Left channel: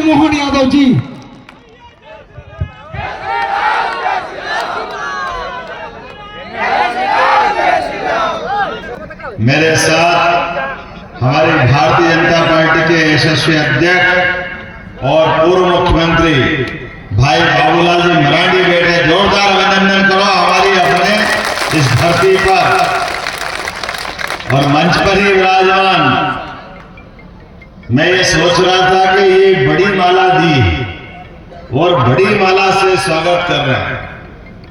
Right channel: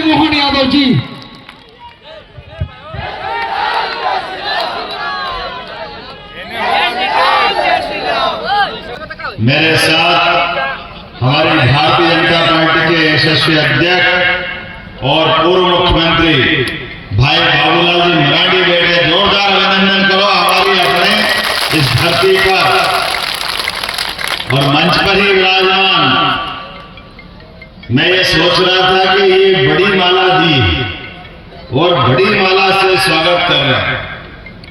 मुरली मोहन यादव जी। मेरे साथ हमारी भारतीय जनता पार्टी के यशस्वी अध्यक्ष और पूर्व मुख्यमंत्री भाई बाबूलाल जी मरांडी बैठे। जोरदार अभिनंदन करो हमारी अपने इस धरती पर। और मंच पर ही विराजमान, मैं ये सोच रहा था कि ये बड़ी माला दी और बड़ी माला से स्वागत कर रहे हैं।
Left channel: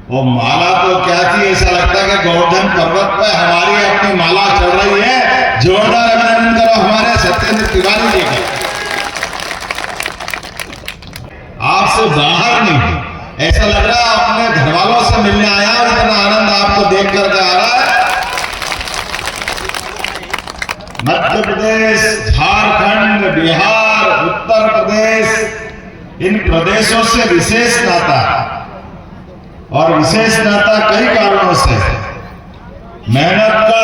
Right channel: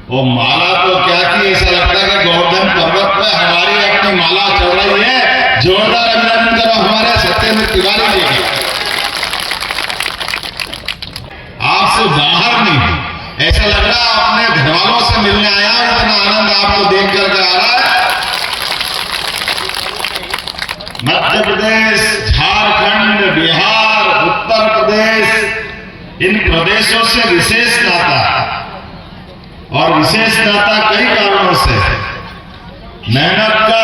वो माला तो क्या थी, ऐसा लगता है कि गोवर्धन पर्वत पे हमारी अपनी माला चल रही है। जोरदार अभिनंदन करो हमारे सत्येंद्र तिवारी जी का। आपसे बाहर नहीं, ऐसा लग रहा है अपने घर वालों से मिलने आया। इतना आनंद आपको देख करके आ रहा है। मध्य प्रदेश, झारखंड, बिहार, उत्तर प्रदेश, इन प्रदेशों से विशेष नाता है। और विशेष नाता कई कारणों से। मेहनत का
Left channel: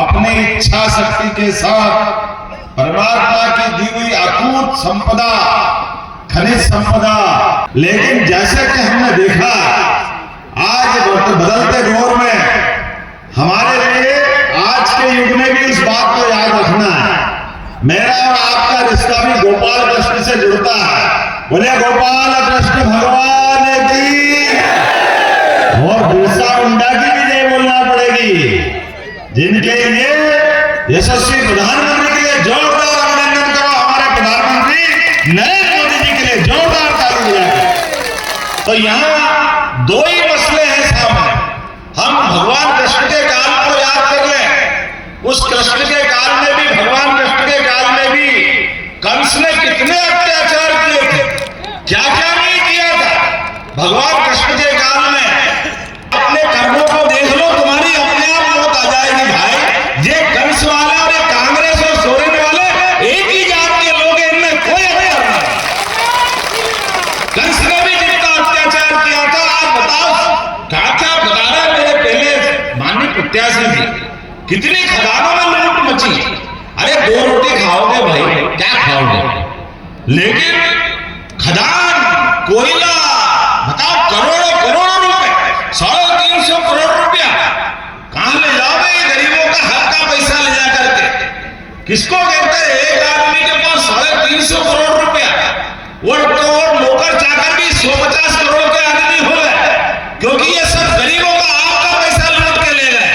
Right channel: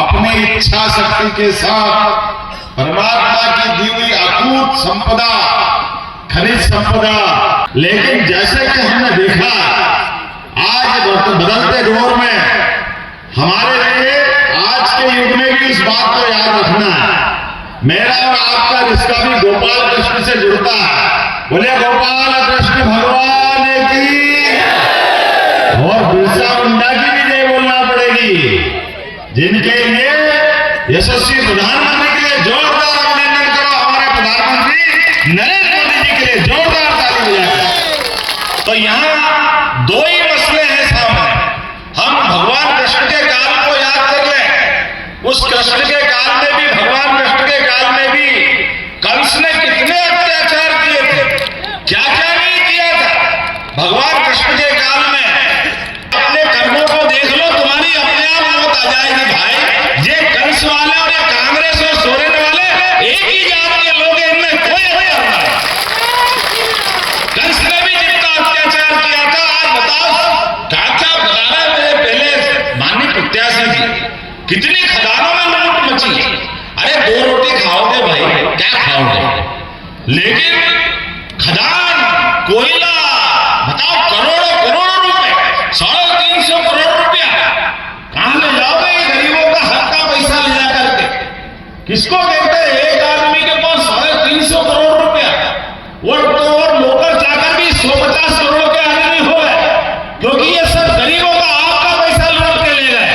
अपनी इच्छा शक्ति के साथ परमात्मा की दी हुई अकूत संपदा, खनिज संपदा। लेकिन जैसे कि हमने देखा आज बदलते दौर में, हमारे लिए आज के युग में भी इस बात को याद रखना है। मेरा और आपका रिश्ता भी गोपाल कृष्ण से जुड़ता है। बोले गोपाल कृष्ण भगवान की, और बिरसा मुंडा की भी जय बोलना पड़ेगी, जिनके लिए यशस्वी प्रधानमंत्री के लिए जोरदार अभिनंदन करो। हमारे प्रधानमंत्री नरेंद्र मोदी जी के लिए जोरदार ताली बजाएं। तो यहाँ दो ही मसले हैं सामने। हम भगवान कृष्ण के काल को याद कर लें। उस कृष्ण के काल में भी, भगवान कृष्ण के काल में भी कंस ने कितने अत्याचार किए थे, क्या क्या नहीं किया था। भगवान कृष्ण के काल में अपने कर्मों को देख लो, तुम्हारी अपने आप मौत आ जाएगी भाई। ये कंस वाले और ये कांग्रेस और सोरेन वाले एक ही जात के लोग हैं, इनमें कोई अंतर नहीं। कंस ने भी जितना अत्याचार किया था, आज बताओ क्या बता रहा है। मेरे पहले मानी प्रत्याशी की कितनी खदानों में लूट मची। अरे 2 रोटी खाओगे भाई, क्या खाओगे। लेकिन खदान, कोयला, बताओ करोड़ों करोड़ों रुपए, 350 करोड़ रुपया कहां ले जाओगे। ये गरीबों का हक का पैसा ले जा करके किसको कहते हैं। एक आदमी के पास 350 करोड़ रुपया, वो और नौकर चाकर भी 150 करोड़ के आदमी हो गए, क्योंकि ये सब गरीबों का आपका पैसा लूट के ले गए।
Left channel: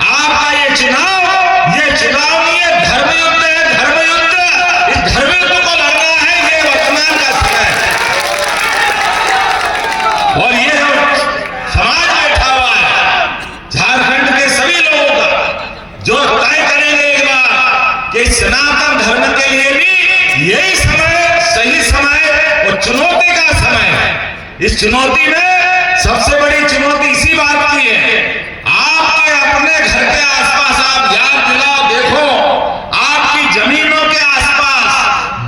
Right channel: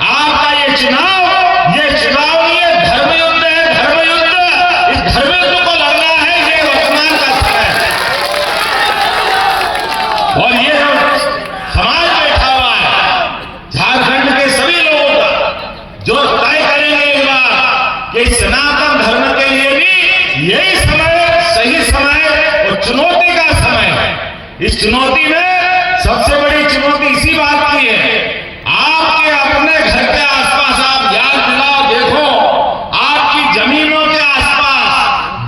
आपका ये चुनाव नहीं है, धर्म युद्ध है, धर्म युद्ध। इस धर्म युद्ध को लड़ना है, ये वर्तमान का समय है। और ये समाज बैठा हुआ है झारखंड के सभी लोगों का, जो तय करेंगे एक बार कि सनातन धर्म के लिए भी यही समय, सही समय और चुनौती का समय है। इस चुनौती में सबसे बड़ी चुनौती इसी बात की है, आपके अपने घर के आसपास आप याद दिलाओ, देखो आपकी जमीनों के आसपास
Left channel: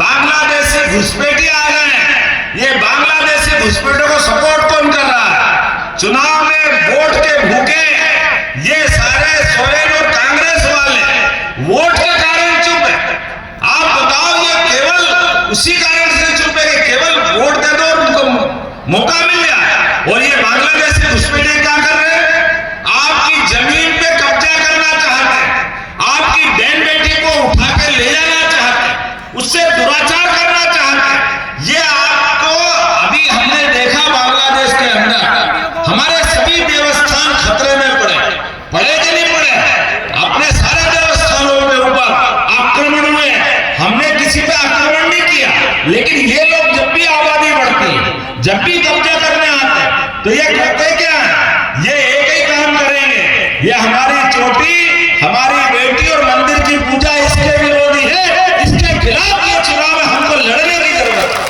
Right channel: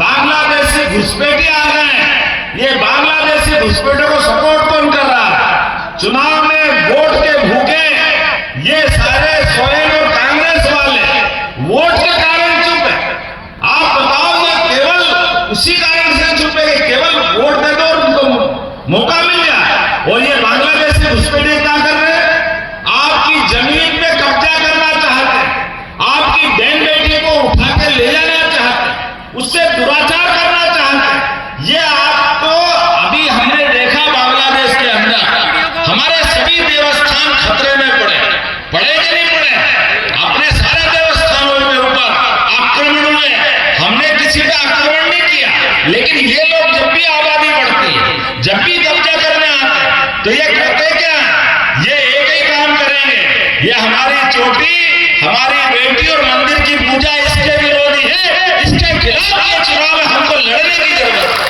बांग्लादेशी घुसपैठिए आ गए हैं। ये बांग्लादेशी घुसपैठियों को सपोर्ट कौन कर रहा है। चुनाव में वोट के भूखे ये सारे सोरेन और कांग्रेस वाले वोट के कारण चुप है। आप बताओ, ये केवल उसी कारण से चुप है कि केवल वोट दे दो और उनको मौका मिल जाए। और ये बांग्लादेशी घुसपैठिए क्या कर रहे हैं, आपकी जमीन पे कब्जा करना चाहते हैं, आपकी बहन बेटी को उठा के ले जाना चाहते हैं, उससे दुराचार करना चाहते हैं। ये आपको अभी हमने देखा बांग्लादेश के अंदर हमारे सभी देवस्थान खतरे में पड़े कि नहीं पड़े। अपने सारे देवस्थानों में ऊपर आक्रमण हुए, हमने किसी पे आक्रमण नहीं किया। लेकिन ये लोग जब भी आबादी बढ़ती है, जब भी कब्जा करने आते हैं, तो ये कहते क्या है, ये एक ही काम करेंगे, ये हमारी चोटी, हमारी बेटी और मंदिर की पूजा इसके विरोधी है, इसके खिलाफ ये चुनाव है, हमको लड़ने की जरूरत है।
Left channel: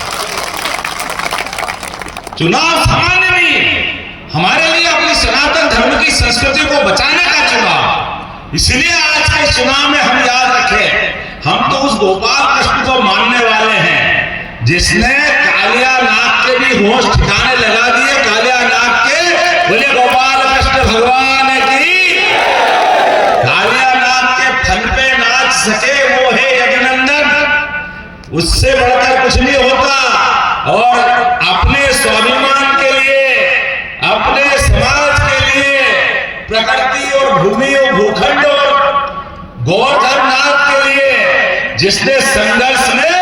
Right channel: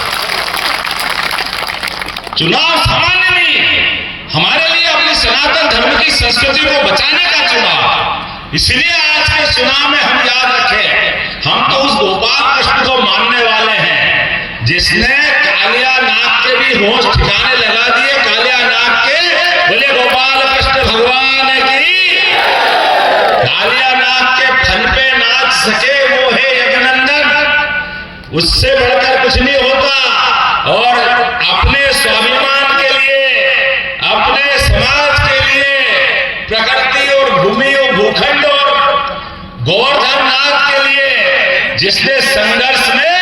चुनाव सामान्य नहीं है, हमारे लिए अपनी सनातन धर्म की संस्कृति को बचाने का चुनाव। इसलिए आज के चुनाव में हम याद रखें, हम तो उस गोपाल कृष्ण को मानने वाले हैं जिसने कालिया नाग के भी होश ठिकाने लगा दिए। कालिया नाग के बोले गोपाल कृष्ण भगवान की। कालिया नाग के फन पे नाच सके वो है अभिनंदन। उससे बढ़कर कुछ नहीं होता। और अपने स्वाभिमान के लिए, अपने समाज के लिए, प्रकृति और भूमि और भूखंड और गोवर्धन नाथ के लिए जिसने संघर्ष में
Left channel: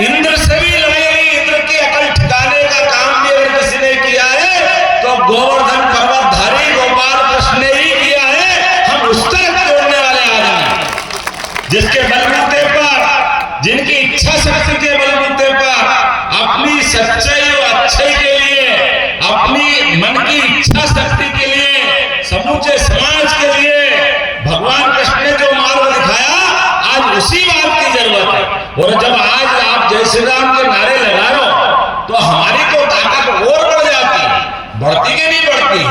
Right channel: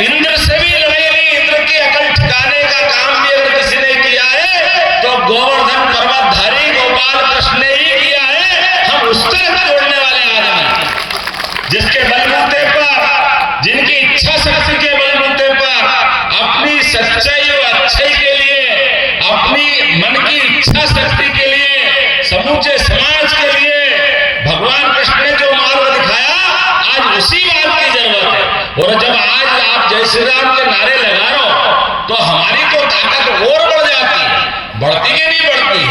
इंद्र से भी लड़ेगी, इंद्र की अकल ठिकाने का काम भी अगर किसी ने किया है तो गोवर्धन पर्वतधारी गोपाल कृष्ण ने ही किया है। हम उस तरफ जोड़ने वाले आदमी जिसके बलबूते पर, जिनकी इच्छा शक्ति के बलबूते पर अपनी सच्चाई और अच्छाई के लिए, अपनी मन की इच्छा शक्ति के लिए, समूचे समाज के लिए भगवान कृष्ण ने जो मार्ग दिखाया, आज उसी मार्ग की जरूरत है। और जब आज आप जय श्री राम के नारे लगा रहे हो तो हमारी तो ताकत और बढ़ जाती है, बढ़ती के नहीं बढ़ती।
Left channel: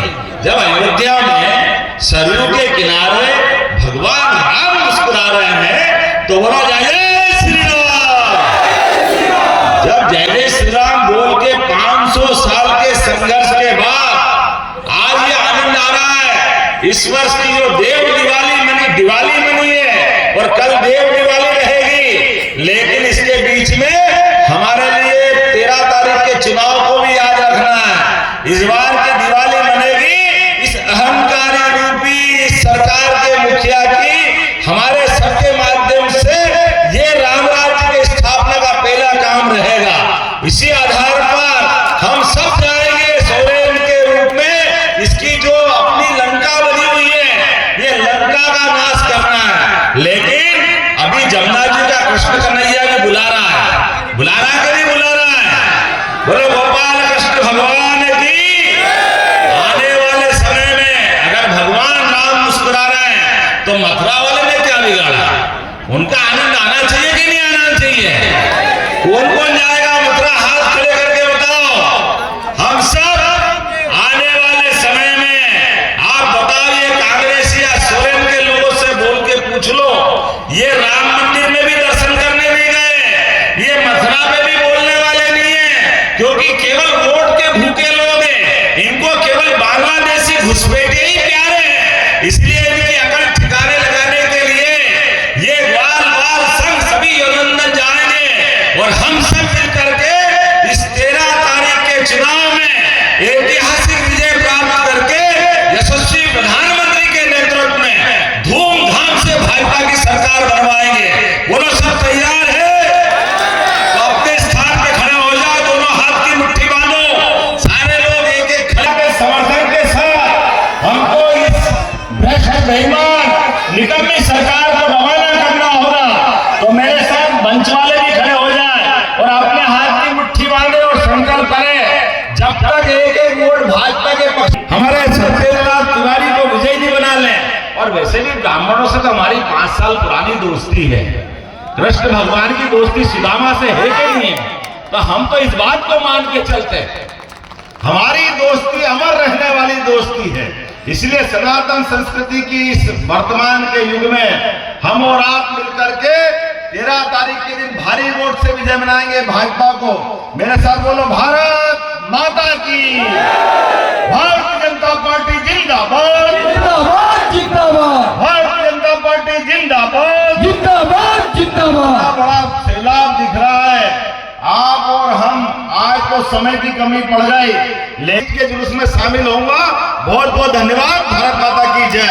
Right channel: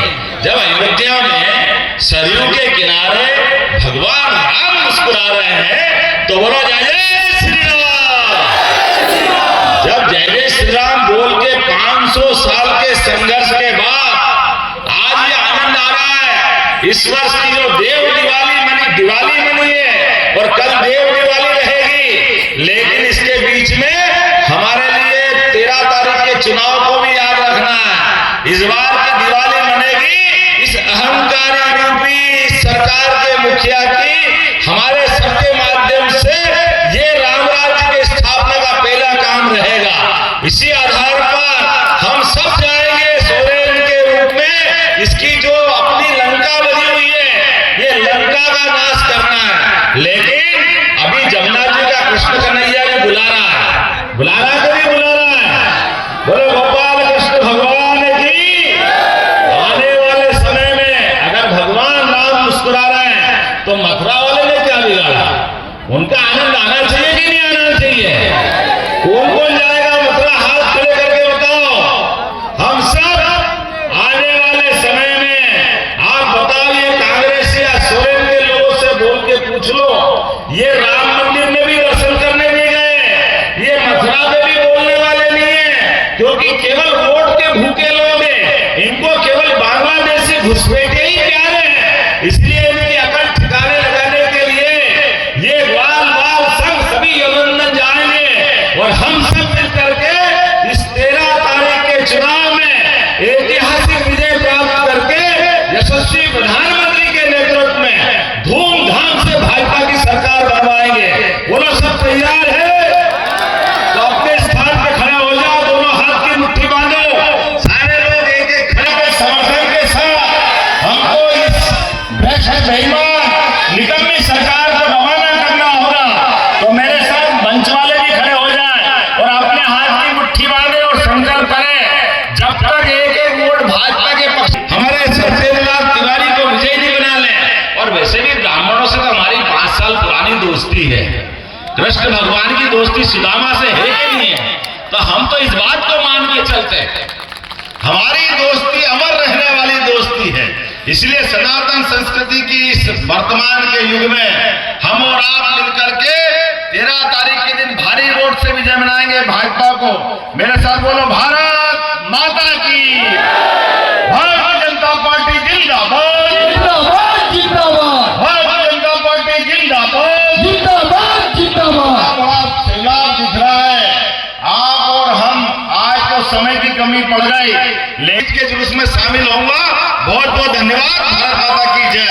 जब अयोध्या में सरयू के किनारे भगवान राम मुस्कुरा रहे हैं तो बोला जय श्री राम। जब जय श्री राम बोल के 500 साल के संघर्ष के बाद आज ये आनंद आ रहा है। इस वर्ष की जो देव दिवाली मनी है और कल देव दिवाली रहेगी, लेकिन इसके बीच में हमारे लिए 13 तारीख के चुनाव को भी याद रखना है। इस बार की दिवाली मनेगी इस अहंकारी रूपी सरकार के मुखिया की हमारे सबके माध्यम से ये राम राज्य की स्थापना का पहला काम रहेगा। इसी आधार पर हम सब जाएंगे सोरेन के रूप में। इसकी जो अपनी लंका बनी हुई है, ये लंका का नाश करना है। लेकिन अभी जमुना जी का कृष्ण कन्हैया ने बुला रहा है, बुला रहा है, कभी बुला रहा है। बोलो गोपाल कृष्ण भगवान की। आने वाले समय में अगर भगवान राम मुस्कुरा रहे हैं तो मथुरा वाले ने क्या बिगाड़ा? उनका आनंद आना चाहिए कि नहीं आना चाहिए? कौन कौन जाएगा मथुरा? हाथ खड़े करके बताओ। हम सब आने वाले समय में, आप बताइए, कांग्रेस या सोरेन के लोगों से बोल के पूछ लो, ये राम मंदिर में भी दर्शन करने नहीं गए, ये मथुरा में भी बोलने वाले नहीं है, क्योंकि केवल वोट के भूखे लोग हैं। इनको केवल बांग्लादेशी घुसपैठे ही प्यारे हैं। इसलिए इनकी अकल ठिकाने लगाने के लिए ये वाल संघ सभी योगेंद्र जाएंगे और हम सब मिलकर के इस 13 तारीख के चुनाव में ऐतिहासिक विजय प्राप्त करके यशस्वी प्रधानमंत्री के नेतृत्व में धूमधाम से भाजपा की सरकार बनवाएंगे। बोलो सब तैयार है? तो अपने स्थान पे खड़े हो जाओ, दोनों हाथ की मुट्ठी बांधो, सारे लोग एक एक खड़े हो समर्थन के साथ हमको इस भ्रष्ट बेईमान निकम्मी सरकार को रवाना करना होगा। तो मेरे साथ मंच वाले भी खड़े हो जाए और अपने हाथ की मुट्ठी बांधे और संकल्प करें, जब तक एक एक वोट भाजपा के पक्ष हमारे सत्यवाद तिवारी को विजयी नहीं बना लें। और वैसे भी ब्राह्मणों से तो हमारी 5 साल पुरानी दोस्ती है। कृष्ण भगवान की दोस्ती सुदामा से है कि नहीं है? तो हम तो इस बात को मान के चलते हैं, हमारी दोस्ती अमर रहने वाली दोस्ती है। इसलिए सनातन संस्कृति की इस वर्तमान के युग में हम और आप मिलकर के 13 तारीख के दिन भारी वोट से विजय मनाएंगे भाजपा को। मेरे साथ बोलो, भारत माता की, भारतीय जनता पार्टी जिंदाबाद, भारतीय जनता पार्टी जिंदाबाद, बड़ा सैलाब दिख रहा है। आप और हम आज तो समय की कमी पड़ गई, लेकिन के जुलूस में शामिल होऊंगा। बहुत बहुत धन्यवाद। भारत माता की जय।